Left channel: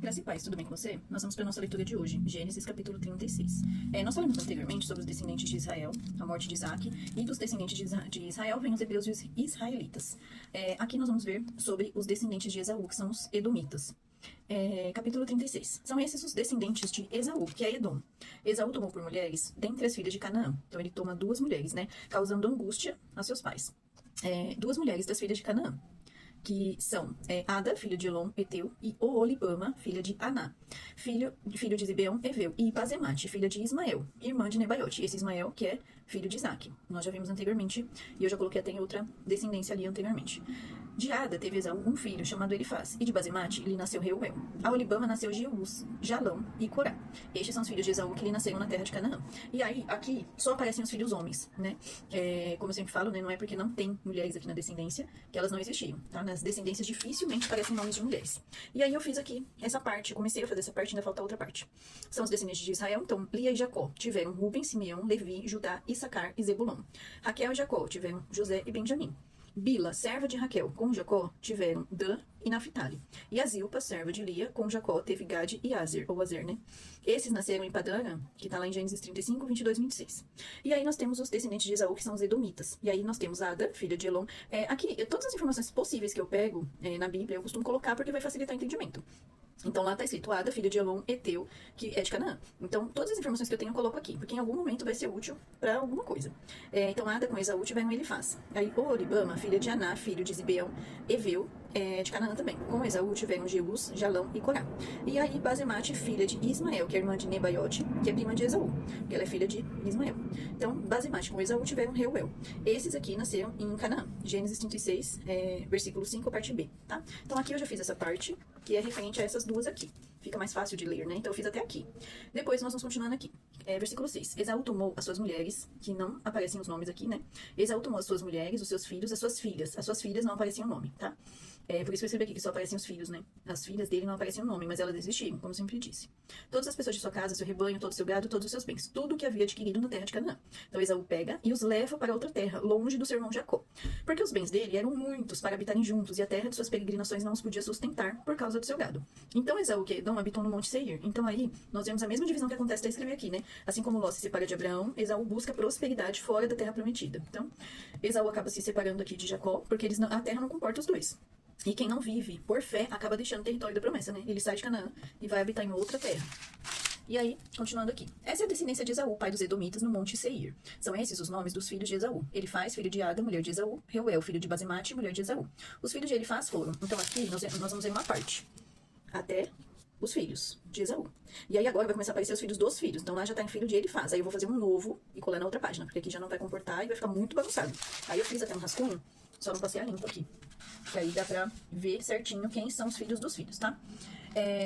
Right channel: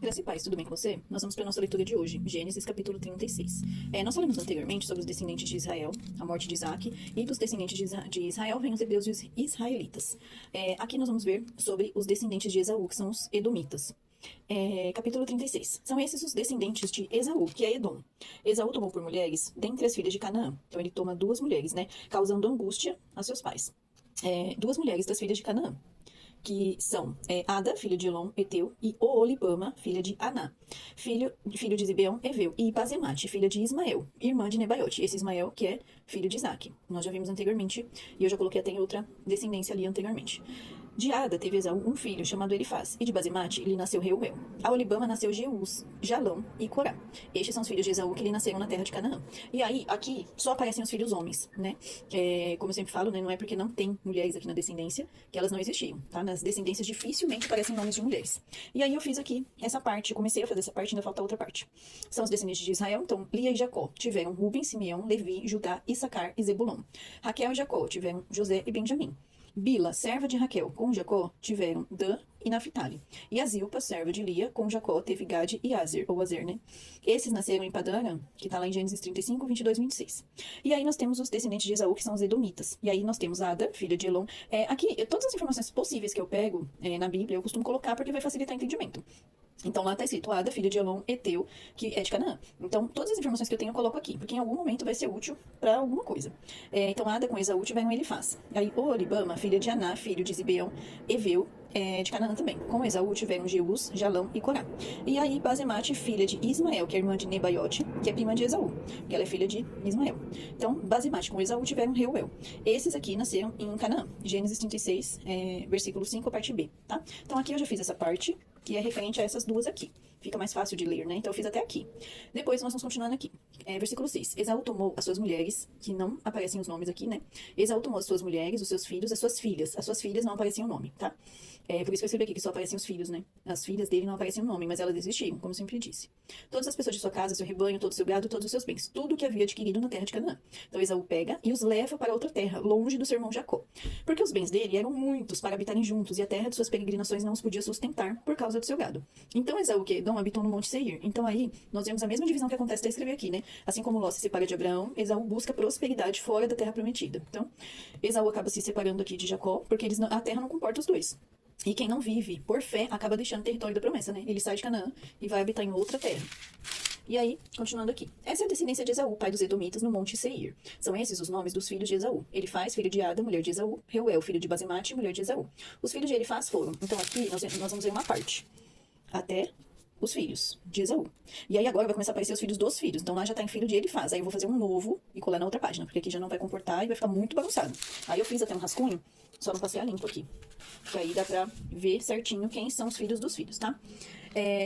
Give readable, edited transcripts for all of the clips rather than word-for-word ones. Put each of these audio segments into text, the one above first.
Graça e paz, tudo bem com você? Nós vamos para a nossa leitura de hoje, Gênesis capítulo 36. Nós falamos anteriormente sobre os descendentes de Israel, a morte de Isaac, e dos descendentes de Israel vêm os hebreus e os israelitas. Aqui nós vamos ver sobre os descendentes de Esaú, que são os edomitas. Capítulo 36. São esses os descendentes de Esaú, que é Edom. Esaú tomou por mulheres dentre as filhas de Canaã. Então ele toma duas mulheres, né? Causando angústia aos seus pais. Duas mulheres das filhas de Canaã, que são Ada, filho de Elon, Eteu, e Oolibama, filha de Aná, filho de Zibeão, Eveu, e Bazemate, filha de Ismael, irmã de Nebaiote. Esse Ismael que é filho de Isaac. Nós já vimos anteriormente, e eu já coloquei até em outra descendência ali anteriormente. De Ada teve Esaú um filho chamado Elifaz, e de Bazemate lhe nasceu Reuel. A Olibama nasceu Jeus, Jalão e Corá. Estes são os filhos de Esaú que lhe nasceram na terra de Canaã. E aí, aqui, só aparecem os filhos homens, né? Como eu sempre falo, né? Não é porque não tem mulheres aqui na descendência que elas não existiam, tá? Nas descendências dificilmente aparecem nomes de mulheres. E aí eu fiz aqui essa parte, comecei a fazer essa parte, ainda falta outra parte. São os descendentes de Israel, então Lia e Jacó tiveram Ruben, Simeão, Levi, Judá, Issacar e Zebulon. Raquel e Jacó tiveram José e Benjamim. Bila, serva de Raquel, com Jacó, tiveram Dan e Naphtali. E a Zilpa, serva de Lia, com Jacó, teve Gade e Azer, ou Azer, né? Esses nasceram em Padã, que tá lá em Gênesis 35, 22, 26. E aí nós temos os descendentes de Esaú, que são os edomitas. E aí nós temos Ada, filha de Elon. Aqui, todas as informações possíveis que eu pego na Bíblia, eu costumo colocar porque vai facilitar o entendimento. Então lá tá escrito Ada, filha de Elon, Eteu, que é de Canaã. Então todas as informações que eu tenho eu coloco aqui, porque em algum momento vai ser útil para alguma coisa. Então Ada com Esaú tiveram Elifaz. Aí Oholibama, filha de Aná, filho de Zibeão, Eveu, de Canaã também. Com Esaú tiveram Jeus, Jalão e Corá. E aí Bazemate, filha de Ismael, que é irmã de Nebaiote, que é prima de Esaú, que ela é filha de Ismael. Então Bazemate com Esaú tiveram Reuel. Esses aqui nasceram em Canaã. Gênesis 36, versículo 5, parte B, tá? Então aqui eu já fiz essa parte, que é referente a essas duas aqui. Fica mais fácil de ler, né? Então eu fiz até aqui. Depois nós vamos continuando aqui. Versículo 6. Esaú tomou as suas mulheres, que não aparecem os nomes aqui, né? Esaú tomou as suas mulheres, os seus filhos, as suas filhas. As suas filhas não apareciam o nome, tá? Por isso que eu escrevi aqui que só aparecem os filhos, né? As filhas dele não aparecem o nome, mas elas existiam, como eu sempre disse. Todas as pessoas de sua casa, seu rebanho, todo o seu gado, todos os seus bens. Tudo que havia adquirido na terra de Canaã. Então Esaú pega e os leva para outra terra, longe do seu irmão Jacó. Porque os bens dele eram muitos para habitarem juntos, e a terra de suas peregrinações não os podia sustentar por causa do seu gado. Então Esaú e Edom habitam no Monte Seir. Então aí nós vemos a mesma divisão que acontece, até escrever aqui, né? Assim como Ló se separa de Abraão, Esaú busca prosperidade fora da terra prometida. Então Esaú acaba se separando aqui de Jacó, porque a terra não comporta os dois. E quem não vive por fé acaba deixando o território da promessa, né? Ele sai de Canaã e vai habitar em outra terra. E aí, continuando aqui. Essa é a descendência de Esaú, pai dos edomitas, no Monte Seir. São esses os nomes dos filhos de Esaú. Elifaz, filho de Ada, mulher de Esaú. Reuel, filho de Bazemate, mulher de Esaú. Os filhos de Elifaz foram. Então aqui nós vamos ver uma parte. Até os filhos de Esaú. E aí agora vai começar a aparecer os filhos dos filhos. Então lá já tá em filho de Elifaz. Aí eu vou fazer um novo e colar na outra página, porque aqui já não vai comportar e vai ficar muito bagunçado. Aí eu fiz até um rascunho, só não passei a limpo aqui. Que aí dá pra ver certinho quem são os filhos dos filhos, tá?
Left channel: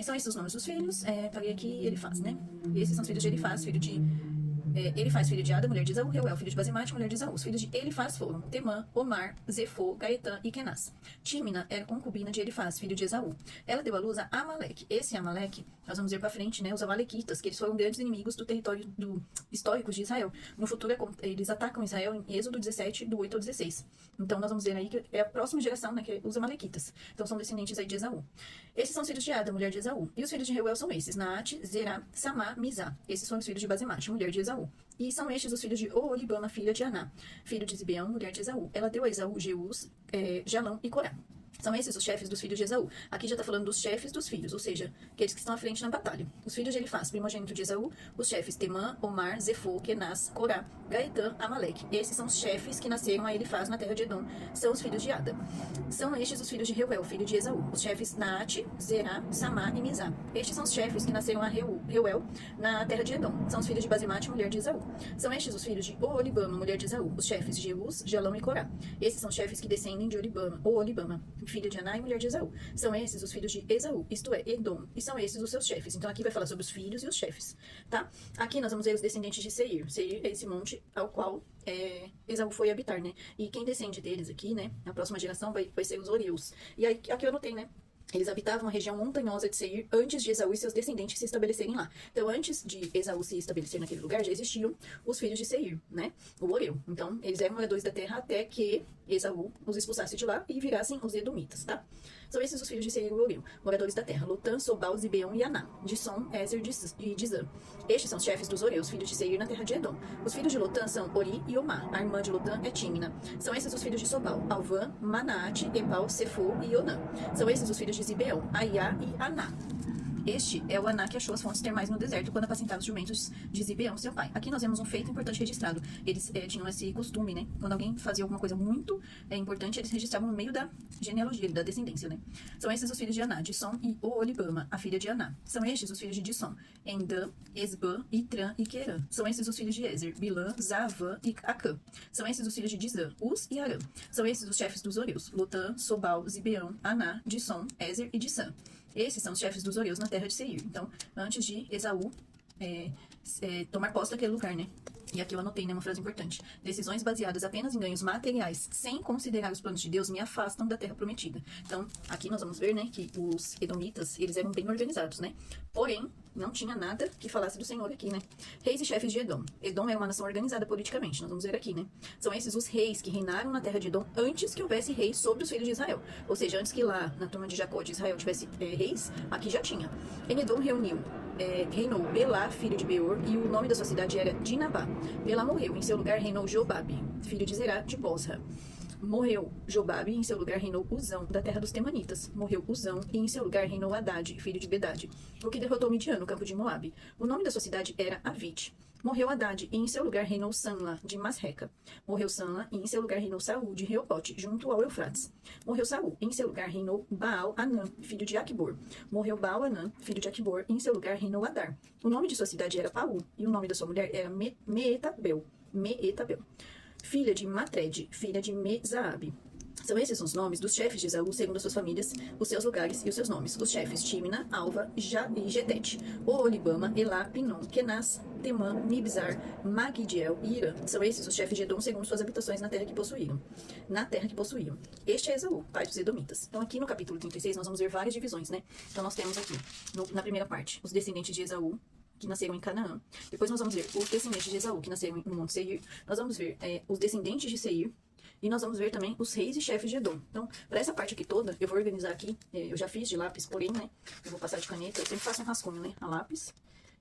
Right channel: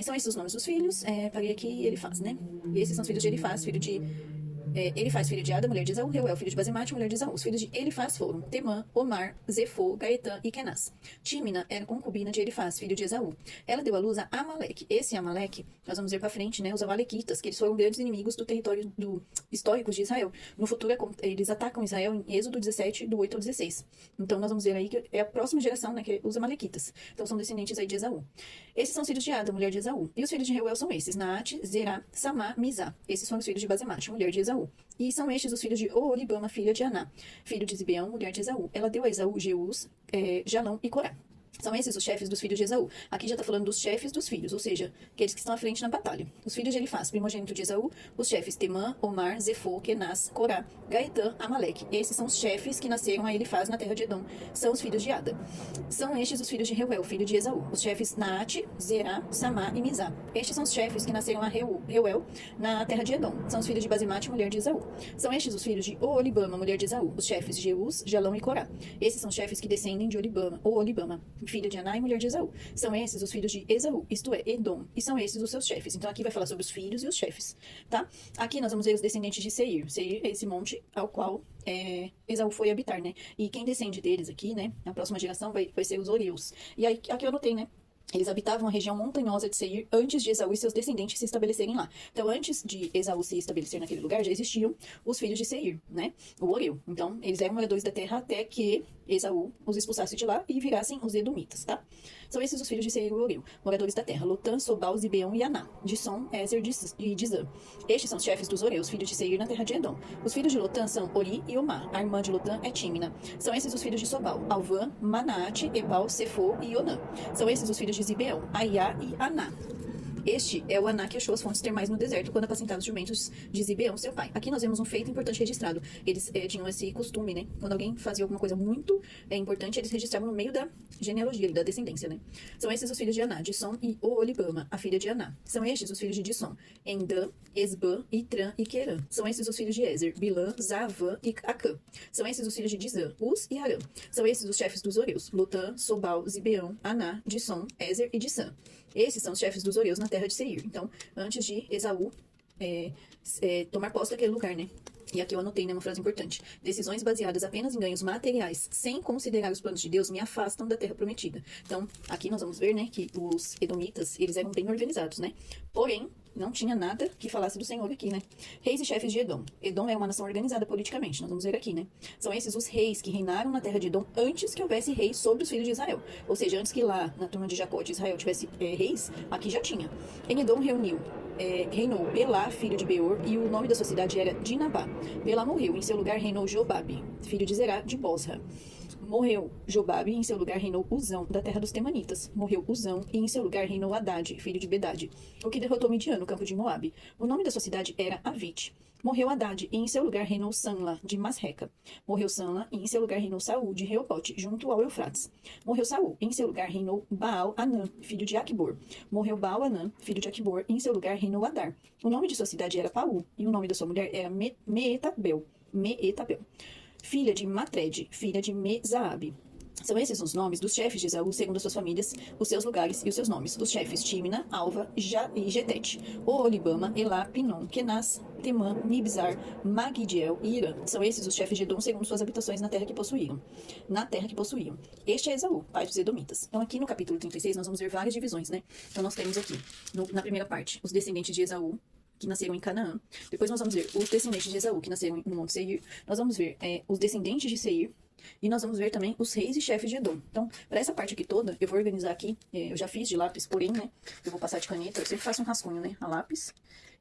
São esses os nomes dos filhos. Paguei aqui Elifaz, né? E esses são os filhos de Elifaz, filho de... Elifaz, filho de Ada, mulher de Esaú. Reuel, filho de Bazemate, mulher de Esaú. Os filhos de Elifaz foram Temã, Omar, Zefô, Gaetã e Kenaz. Tímina era concubina de Elifaz, filho de Esaú. Ela deu à luz a Amaleque. Esse Amaleque, nós vamos ver pra frente, né? Os Amalequitas, que eles foram grandes inimigos do território históricos de Israel. No futuro, eles atacam Israel em Êxodo 17, do 8 ao 16. Então nós vamos ver aí que é a próxima geração, né? Que é os Amalequitas. Então são descendentes aí de Esaú. Esses são os filhos de Ada, mulher de Esaú. E os filhos de Reuel são esses: Naate, Zerá, Samá, Mizá. Esses são os filhos de Bazemate, mulher de Esaú. E são estes os filhos de Oholibama, filha de Aná, filho de Zibeão, mulher de Esaú. Ela deu a Esaú Jeus, Jalão e Corá. São esses os chefes dos filhos de Esaú. Aqui já está falando dos chefes dos filhos, ou seja, aqueles que estão à frente na batalha. Os filhos de Elifaz, primogênito de Esaú, os chefes Temã, Omar, Zefô, Kenaz, Corá, Gaetã, Amaleque. Esses são os chefes que nasceram a Elifaz na terra de Edom. São os filhos de Ada. São estes os filhos de Reuel, filho de Esaú. Os chefes Naate, Zerá, Samá e Mizá. Estes são os chefes que nasceram a Reuel na terra de Edom. São os filhos de Bazemate, mulher de Esaú. São estes os filhos de Oholibama, mulher de Esaú. Os chefes Jeus, Jalão e Corá. Esses são os chefes que descendem de Oholibama, filho de Aná e mulher de Esaú. São esses os filhos de Esaú, isto é, Edom. E são esses os seus chefes. Então aqui vai falar sobre os filhos e os chefes, tá? Aqui nós vamos ver os descendentes de Seir. Seir é esse monte ao qual Esaú foi habitar, né? E quem descende deles aqui, né? Na próxima geração vai ser os Oreus. E aí, aqui eu anotei, né? Eles habitavam a região montanhosa de Seir antes de Esaú e seus descendentes se estabelecerem lá. Então, antes de Esaú se estabelecer naquele lugar, já existiam os filhos de Seir, né? O Oreu. Então, eles eram moradores da terra até que Esaú os expulsasse de lá e virassem os edomitas, tá? São esses os filhos de Seir e Oreu, moradores da terra: Lotã, Sobal, Zibeão e Aná, Dissom, Ézer e Dizã. Estes são os chefes dos Oreus, filhos de Seir na terra de Edom. Os filhos de Lotã são Ori e Omar. A irmã de Lotã é Tímina. São esses os filhos de Sobal: Alvã, Manaate, Ebal, Sefo e Onã. São esses os filhos de Zibeão: Aiá e Aná. Este é o Aná que achou as fontes termais no deserto quando apacentava os jumentos de Zibeão, seu pai. Aqui nós vemos um feito importante registrado. Eles tinham esse costume, né? Quando alguém fazia alguma coisa muito importante, eles registravam no meio da genealogia, da descendência, né? São esses os filhos de Aná: Dissom e Oolibama, a filha de Aná. São estes os filhos de Dissom: Endã, Esbã, Itrã e Querã. São esses os filhos de Ezer: Bilã, Zavã e Acã. São esses os filhos de Dizã: Uz e Arã. São esses os chefes dos Oreus: Lotã, Sobal, Zibeão, Aná, Dissom, Ezer e Dissã. Esses são os chefes dos Oreus na terra de Seir. Então, antes de Esaú tomar posse daquele lugar, né? E aqui eu anotei, né, uma frase importante. Decisões baseadas apenas em ganhos materiais, sem considerar os planos de Deus, me afastam da terra prometida. Então, aqui nós vamos ver, né, que os edomitas, eles eram bem organizados, né? Porém, não tinha nada que falasse do Senhor aqui, né? Reis e chefes de Edom. Edom é uma nação organizada politicamente, nós vamos ver aqui, né? São esses os reis que reinaram na terra de Edom antes que houvesse reis sobre os filhos de Israel. Ou seja, antes que lá, na turma de Jacó de Israel, tivesse reis, aqui já tinha. Em Edom reinou Belá, filho de Beor, e o nome da sua cidade era Dinabá. Belá morreu, em seu lugar reinou Jobabe, filho de Zerá, de Bosra. Morreu Jobabe, e em seu lugar reinou Uzão, da terra dos Temanitas. Morreu Uzão, e em seu lugar reinou Haddad, filho de Bedade, o que derrotou Midian no campo de Moabe. O nome da sua cidade era Avite. Morreu Haddad, e em seu lugar reinou Sanla, de Masreca. Morreu Sanla, e em seu lugar reinou Saul, de Reobote, junto ao Eufrates. Morreu Saul, e em seu lugar reinou Baal-Anã, filho de Aqubor. Morreu Baal-Anã, filho de Aqubor, e em seu lugar reinou Adar. O nome de sua cidade era Paú, e o nome da sua mulher era Meetabel, filha de Matred, filha de Mezaabe. São esses os nomes dos chefes de Esaú, segundo as suas famílias, os seus lugares e os seus nomes. Os chefes: Tímina, Alva e Getete, Oolibama, Elá, Pinom, Kenaz, Temã, Mibzar, Magidiel e Irã. São esses os chefes de Edom, segundo suas habitações na terra que possuíam. Este é Esaú, pai dos Edomitas. Então aqui no capítulo 36 nós vamos ver várias divisões, né? Então nós temos aqui, na primeira parte, os descendentes de Esaú, que nasceram em Canaã. Depois nós vamos ver os descendentes de Esaú, que nasceram no Monte Seir. Nós vamos ver os descendentes de Seir. E nós vamos ver também os reis e chefes de Edom. Então, para essa parte aqui toda, eu vou organizar aqui. Eu já fiz de lápis, porém, né? Eu vou passar de caneta. Eu sempre faço um rascunho, né? A lápis.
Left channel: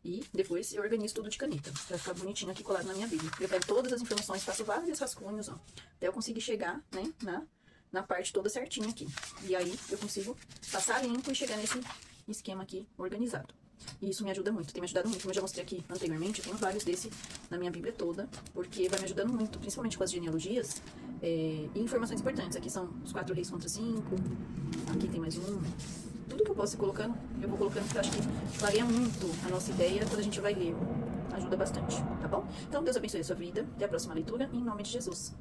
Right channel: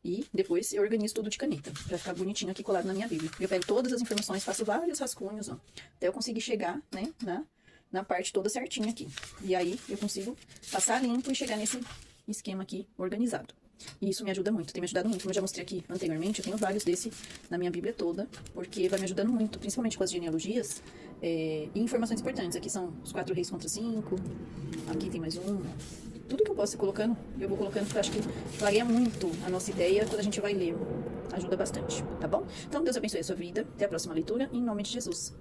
E depois eu organizo tudo de caneta. Pra ficar bonitinho aqui colado na minha Bíblia. Eu pego todas as informações, faço vários rascunhos, ó. Até eu conseguir chegar, né? Na parte toda certinha aqui. E aí eu consigo passar limpo e chegar nesse esquema aqui organizado. E isso me ajuda muito, tem me ajudado muito. Como eu já mostrei aqui anteriormente, eu tenho vários desse na minha Bíblia toda, porque vai me ajudando muito, principalmente com as genealogias e informações importantes. Aqui são os 4 reis contra 5, aqui tem mais um. Tudo que eu posso ir colocando, eu vou colocando, porque eu acho que varia muito a nossa ideia quando a gente vai ler. Ajuda bastante, tá bom? Então, Deus abençoe a sua vida. Até a próxima leitura, em nome de Jesus.